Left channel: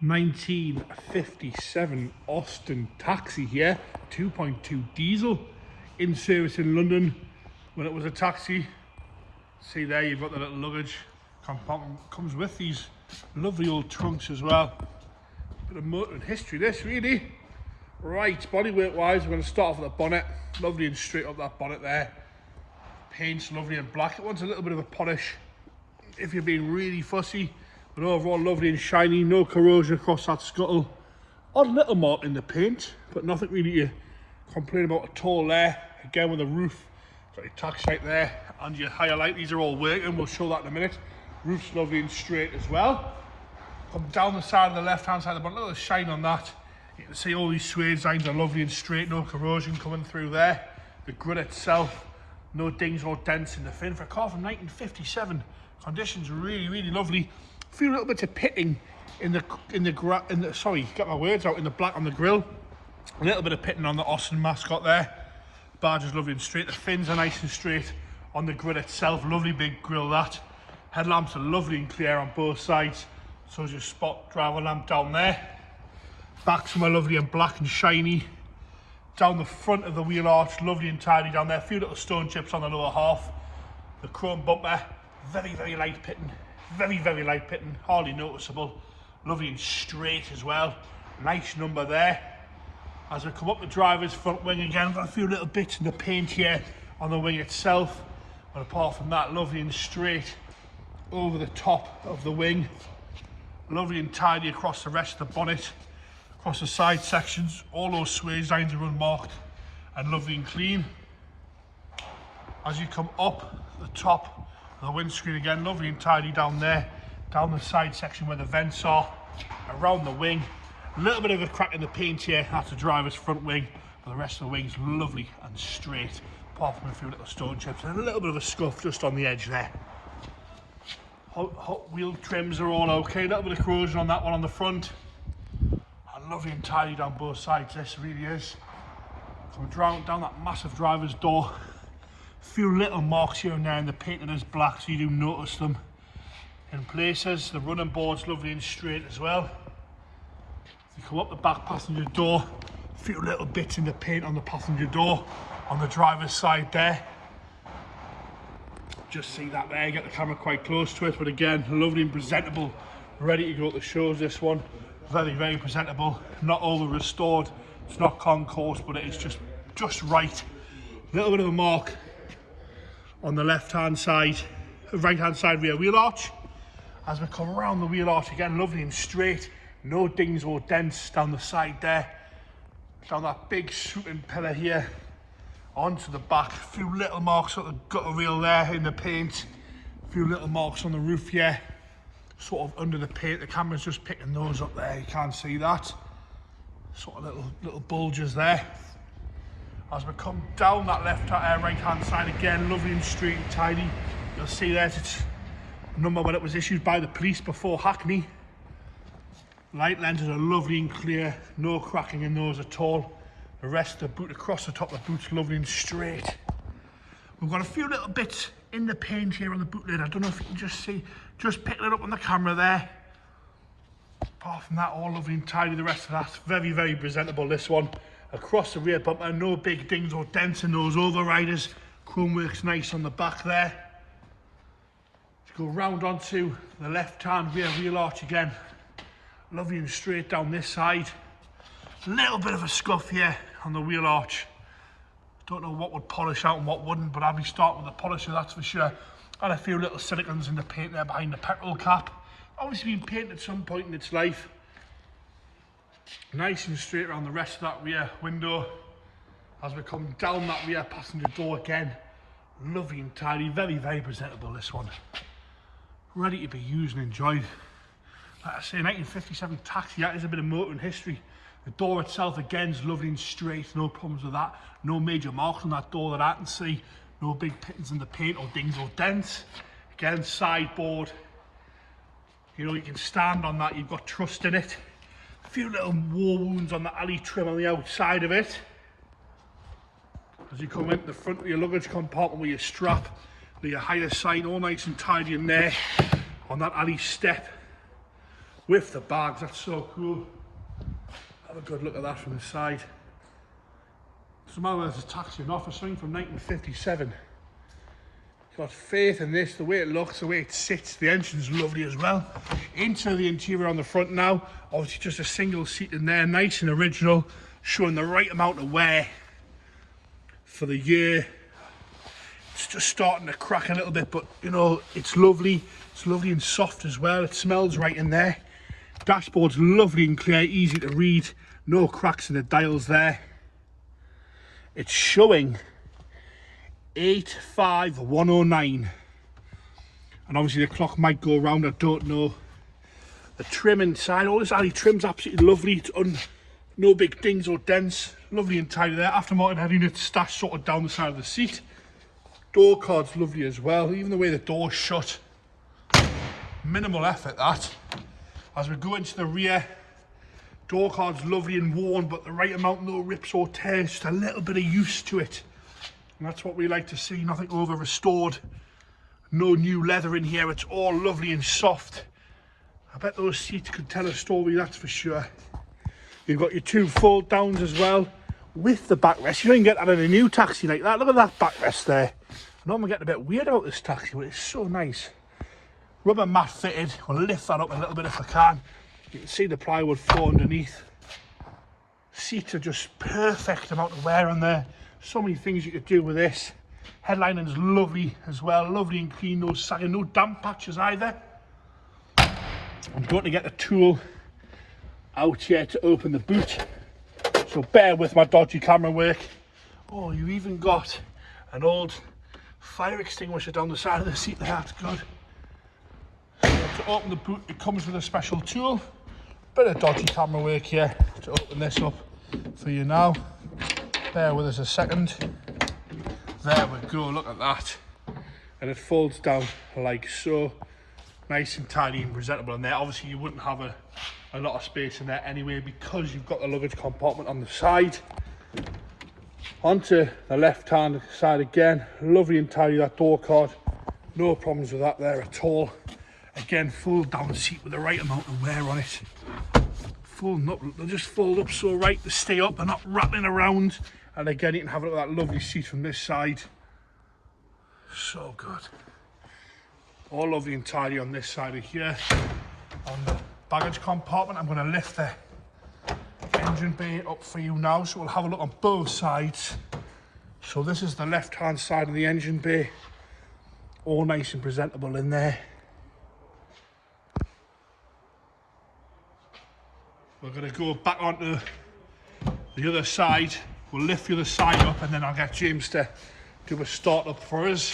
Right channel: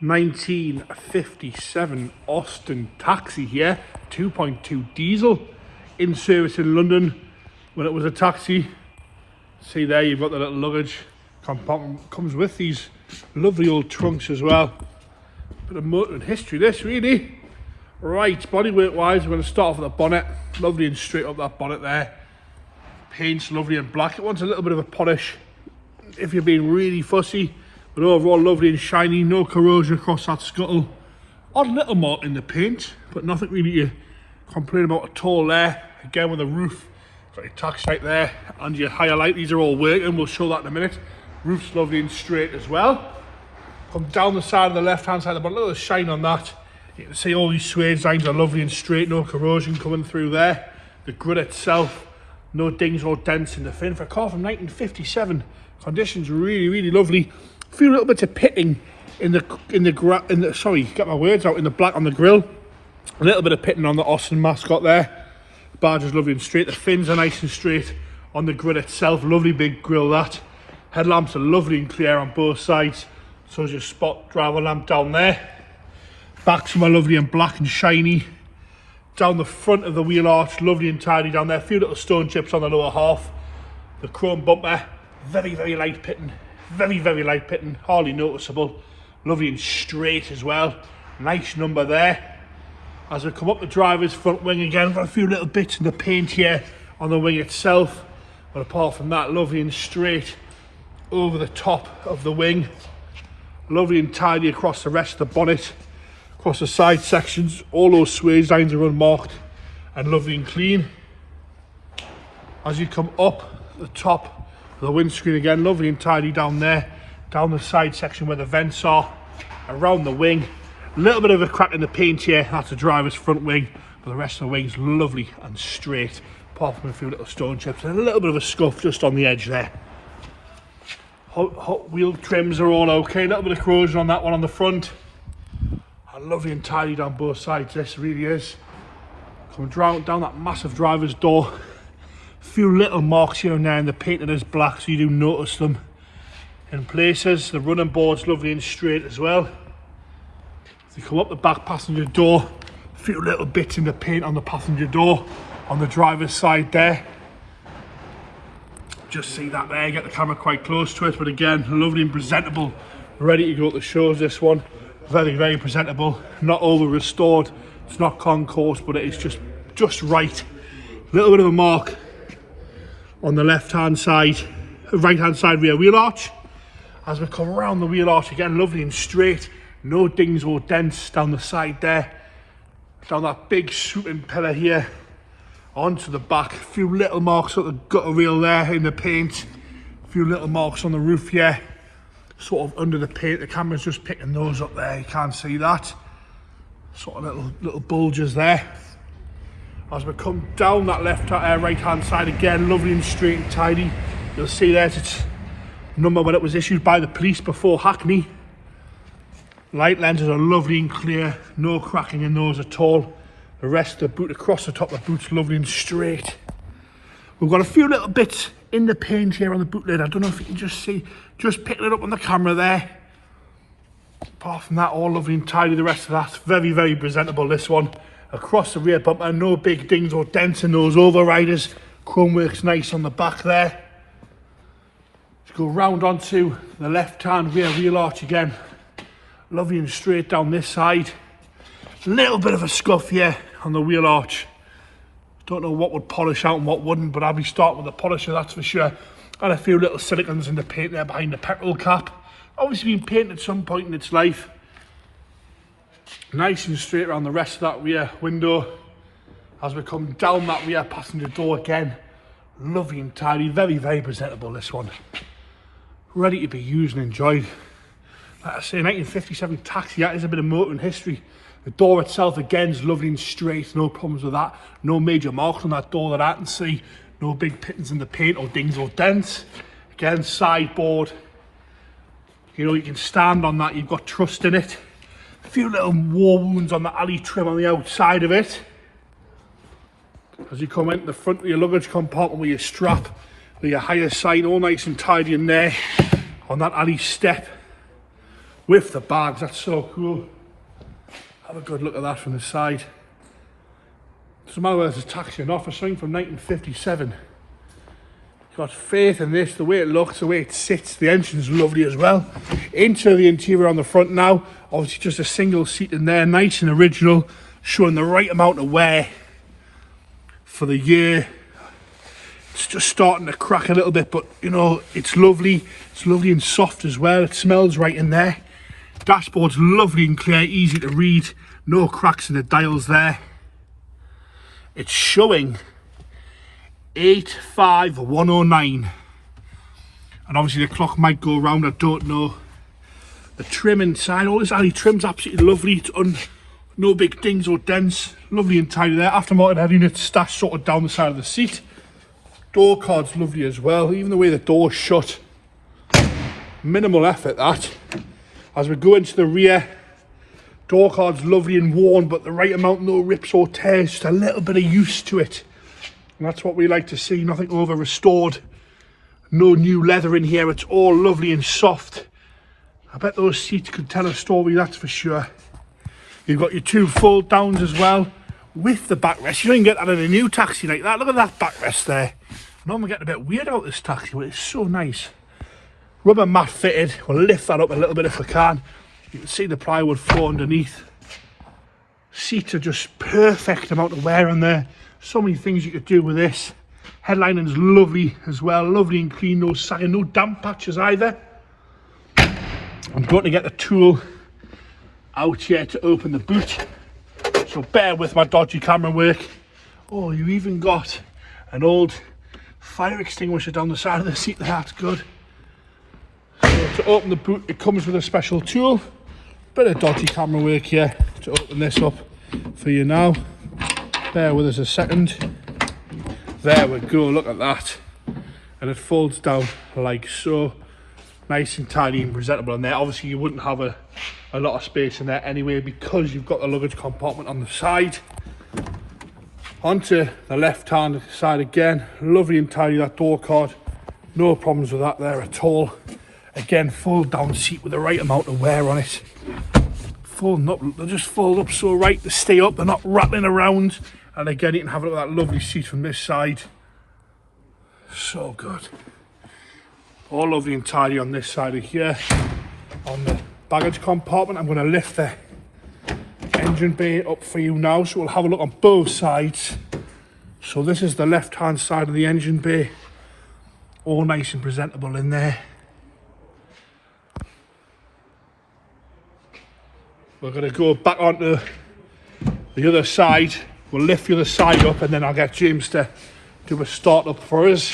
1957 Austin taxi here, 2.2 diesel, in service in London when it was a taxi. See there, you've got the little luggage compartment, comes with these lovely old trunks as well. Bit of motoring history this really. Right, bodywork wise, we're going to start off with the bonnet, lovely and straight up that bonnet there. Paint's lovely and black, it wants a little bit of a polish if you're being really fussy, but overall lovely and shiny, no corrosion across that scuttle. Odd little mark in the paint, but nothing really to complain about at all there. Again with the roof, got your tax right there, and your higher light, these are all working, we'll show that in a minute. Roof's lovely and straight as well. Come down the side of the left hand side of the bonnet, look at the shine on that. You can see all these suede lines are lovely and straight, no corrosion coming through there. The grid itself, no dings or dents in the fin. For a car from 1957, conditions really lovely. A few little bits of pitting in the sorry, get my words out, in the black on the grille. A little bit of pitting on the Austin mascot there. The badge is lovely and straight. The fins are nice and straight on the grid itself. Lovely big grille that. Headlamps are lovely and clear on both sides. So is your spot driver lamp down there. Backs are lovely and black and shiny. Down the front of the wheel arch, lovely and tidy down there. A few little stone chips on the lower half. The chrome bumper, very light pitting. Very light pitting, hardly noticeable. Lovely and straight as well. Nice number there. As we come up the driver's front wing again, got a few little bits in the paint here on the wing itself. But apart from that, lovely and straight over the top of the wing. Lovely and tidy across the rest of the bonnet. Across the side sections, all those suede lines are unmarked and lovely and clean. As you come up the top of the windscreen again, lovely and tidy down there. Down the side section where the vents are, around the wing. A little bit of a crack in the paint here, that's the driver's front wing, but the rest of the wing's lovely and straight, apart from a few little stone chips and a little bit of a scuff just on the edge there. Hot wheel trims are all okay, a little bit of corrosion on that one on the front. Lovely and tidy down both sides, this really is. Coming down that massive driver's door. A few little marks here and there in the paint that is black, so you do notice them in places. The running board's lovely and straight as well. As you come up the back passenger door, a few little bits in the paint on the passenger door on the driver's side there. Just see that there, get the camera quite close to it, but again, lovely and presentable, ready to go to the shows, this one. Very presentable, not over restored, it's not concourse, but it is just right. A little bit of a mark on the right hand side rear wheel arch. As we come around the wheel arch again, lovely and straight, no dings or dents down the side there. Down that big shooting pillar here, onto the back, a few little marks at the gutter rail there in the paint, a few little marks on the roof here. Sort of under the paint, the camera's just picking those up there, you can't see that. Sort of little bulges there. As we come down that right hand side again, lovely and straight and tidy. You'll see there's its number when it was issued by the police before Hackney. Light lenses are lovely and clear, no cracking in those at all. The rest of the boot across the top of the boot's lovely and straight. We've got a few little bits in the paint here on the boot lid. I don't know if you can just see, just picking it up on the camera there. Apart from that, all lovely and tidy. The rest of that's very presentable, this one. Across the rear bumper, no big dings or dents in those overriders. Chrome works nice on the back there. Let's go round onto the left hand rear wheel arch again. Lovely and straight down this side. Little bit of a scuff here on the wheel arch. Don't know what would polish out and what wouldn't, but I'll be starting with the polisher, that's for sure. And a few little silicons in the paint there behind the petrol cap. Obviously been painted at some point in its life. Nice and straight around the rest of that rear window. As we come down that rear passenger door again, lovely and tidy, very presentable, this one. Ready to be used and enjoyed. Like I say, 1957 taxi, that is a bit of motoring history. The door itself again is lovely and straight, no problems with that. No major marks on that door that I can see. No big pittings in the paint or dings or dents. Again, sideboard. You know, you can stand on that, you've got trust in it. A few little war wounds on the alley trim on the outside of it. As you come into the front of your luggage compartment with your strap, with your higher sign all nice and tidy in there on that alley step. with the bags. That's so cool. Have a good look at that from the side. Doesn't matter whether it's a taxi or not, for something from 1957. Got faith in this, the way it looks, the way it sits. The engine's lovely as well. Into the interior on the front now. Obviously just a single seat in there, nice and original, showing the right amount of wear for the year. It's just starting to crack a little bit, but you know, it's lovely. It's lovely and soft as well. It smells right in there. Dashboard's lovely and clear, easy to read. No cracks in the dials there. It's showing 85109, and obviously the clock might go around, I don't know. The trim inside, all this alley trim's absolutely lovely. It's no big dings or dents, lovely and tidy there. Aftermarket head unit stashed sort of down the side of the seat. Door card's lovely as well, even the way the door's shut. Minimal effort that. As we go into the rear, door card's lovely and worn, but the right amount, no rips or tears, just a little bit of use to it. And that's what we like to see, nothing over restored. No new leather in here, it's all lovely and soft. I bet those seats could tell a story, that's for sure. You've got your two fold downs as well, with the backrest. You don't get that in a new taxi like that. Look at that backrest there. I know I'm getting a bit weird about this taxi, but it's so nice. Rubber mat fitted, we'll lift that up a little bit if I can. You can see the plywood floor underneath. Seats are just perfect amount of wear on there. So many things you could do with this. Headlining's lovely as well, lovely and clean, no sagging, no damp patches either. I'm going to get the tool out here to open the boot, so bear with my dodgy camera work. Oh, you even got an old fire extinguisher down the side of the seat there, that's good. So to open the boot, it comes with a special tool. Bit of dodgy camera work here to open this up for you now. Bear with us a second. There we go, look at that. And it folds down like so. Nice and tidy and presentable in there. Obviously you wouldn't have a lot of space in there anyway, because you've got the luggage compartment on the side. Onto the left hand side again, lovely and tidy, that door card. No problems with that there at all. Again, fold down seat with the right amount of wear on it. Folding up, they just fold up so right, they stay up, they're not rattling around. And again, you can have a look at that lovely seat from this side. So good. All lovely and tidy on this side of here. On the baggage compartment, I'm going to lift the engine bay up for you now, so we'll have a look on both sides. So this is the left hand side of the engine bay. All nice and presentable in there. We're going to go back onto the other side. We'll lift the other side up, and then I'll get James to do a start up for us.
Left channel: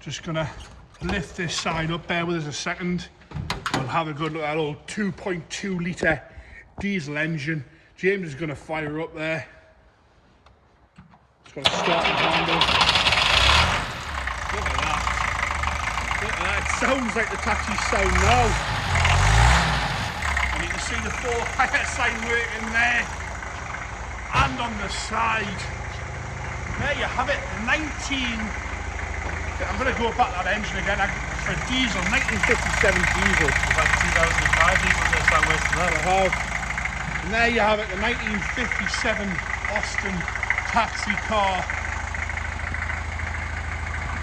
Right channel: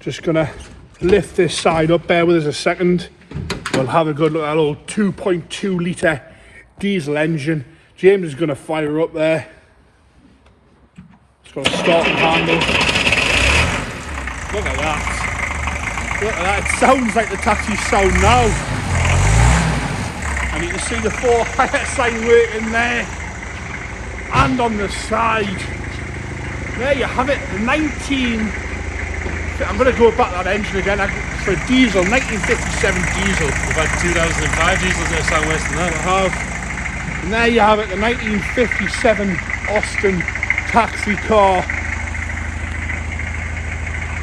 Just going to lift this side up, bear with us a second. We'll have a good look at that old 2.2 litre diesel engine. James is going to fire up there. It's going to start the handle. Look at that. Look at that. It sounds like the taxi sound now. And you can see the 4 higher sign working there. And on the side. There you have it. I'm going to go back that engine again for a diesel, 1957 diesel. We've had 2005 diesels that sound worse than that. And there you have it, the 1957 Austin taxi car.